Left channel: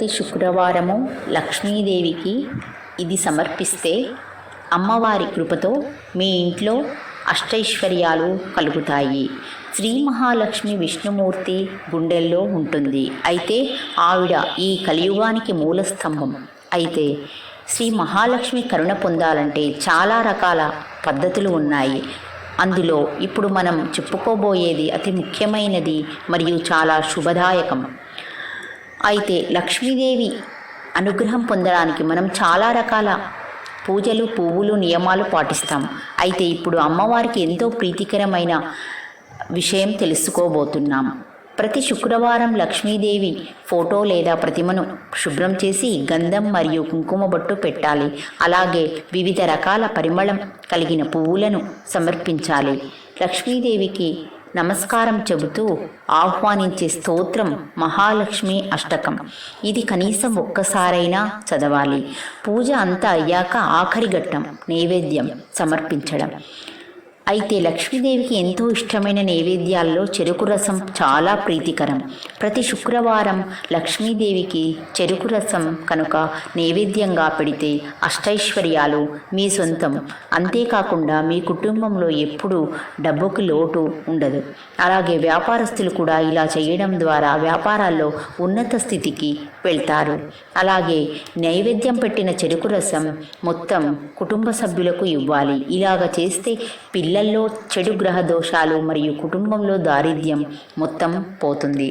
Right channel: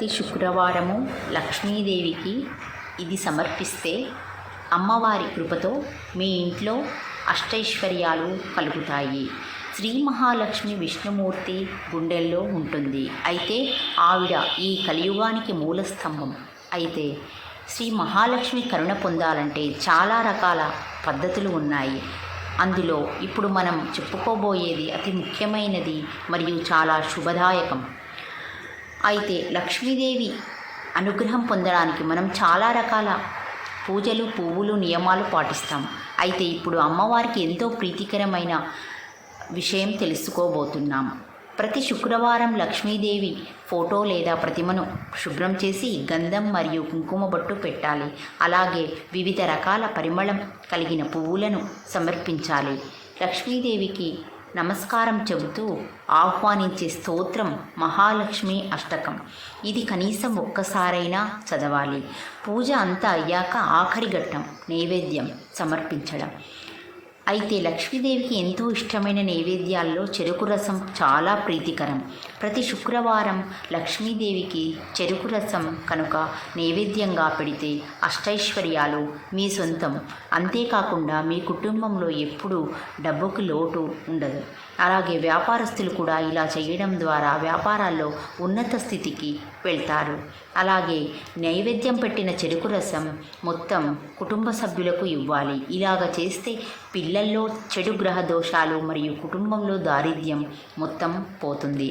ప్రతి శుక్రవారము లక్ష్మీదేవికి ఇది సమర్పిస్తే అమ్మవారి కృపతో మీ ఇంట్లో అష్టైశ్వర్యాలు కలుగుతాయి. శ్రీ మహాలక్ష్మి విష్ణుమూర్తి గుండెల్లో ఉంటుంది. అయితే ఆవిడ ఈ కలియుగానికి మూల స్తంభం అయితే శ్రీ మహాలక్ష్మి కరుణ పొందాలంటే చాలా రకాల పద్ధతులు ఉన్నాయి. అందులో ఇప్పుడు మనం చెప్పుకోబోయేది అతి ముఖ్యమైనది మరియు చాలా శుభదాయకం. అయితే లక్ష్మీదేవి అనుగ్రహం పొందడానికి మనం చాలా రకాల పూజలు పువ్వులు నియమాలు పాటిస్తాం. అయితే ఇప్పుడు అమ్మవారికి ఎంతో ప్రీతికరమైన విషయం తెలుసుకోబోతున్నాం. ప్రతి శుక్రవారం లక్ష్మీదేవి ఫోటో లేదా ప్రతిమను శుభ్రం చేసి గంధం మరియు కుంకుమ బొట్టు పెట్టాలి. అలాగే వివిధ రకాల పరిమళం కలిగిన పువ్వులను సమర్పించాలి. లక్ష్మీదేవికి నమస్కారం చెబుతూ ఆహ్వానించే స్తోత్రం మహాలక్ష్మి అష్టకం. ఇది కనీసం ఒక్కసారైనా చదవాలి. పూజ అంతా అయ్యాక ఆఖరి ఘట్టం నైవేద్యం సమర్పించడం. అయితే లక్ష్మీదేవికి ఎంతో ఇష్టమైన నైవేద్యాల్లో చెరుకు రసం చాలా ప్రీతికరం. ప్రతి శుక్రవారం లక్ష్మీదేవికి చెరుకు రసం కనుక నైవేద్యంగా పెడితే అష్టైశ్వర్యాలు మీ సొంతం. అంతేకాకుండా మీ కుటుంబంలో ఎప్పుడూ డబ్బుకి లోటు ఉండదు. అలాగే వ్యాపారస్తులు కూడా ఇలా చేయడం ద్వారా వ్యాపారాల్లో ఉన్నత స్థితికి వెళ్తారు. అలాగే నైవేద్యం పెట్టిన చెరుకు రసం మొత్తం కుటుంబ సభ్యులకు ఇవ్వాలి. ఇలాగ చేస్తే పిల్ల ఇళ్ళలో చెడు గ్రహ దోషాలు మరియు కుటుంబంలో దారిద్ర్యం మొత్తం పోతుంది.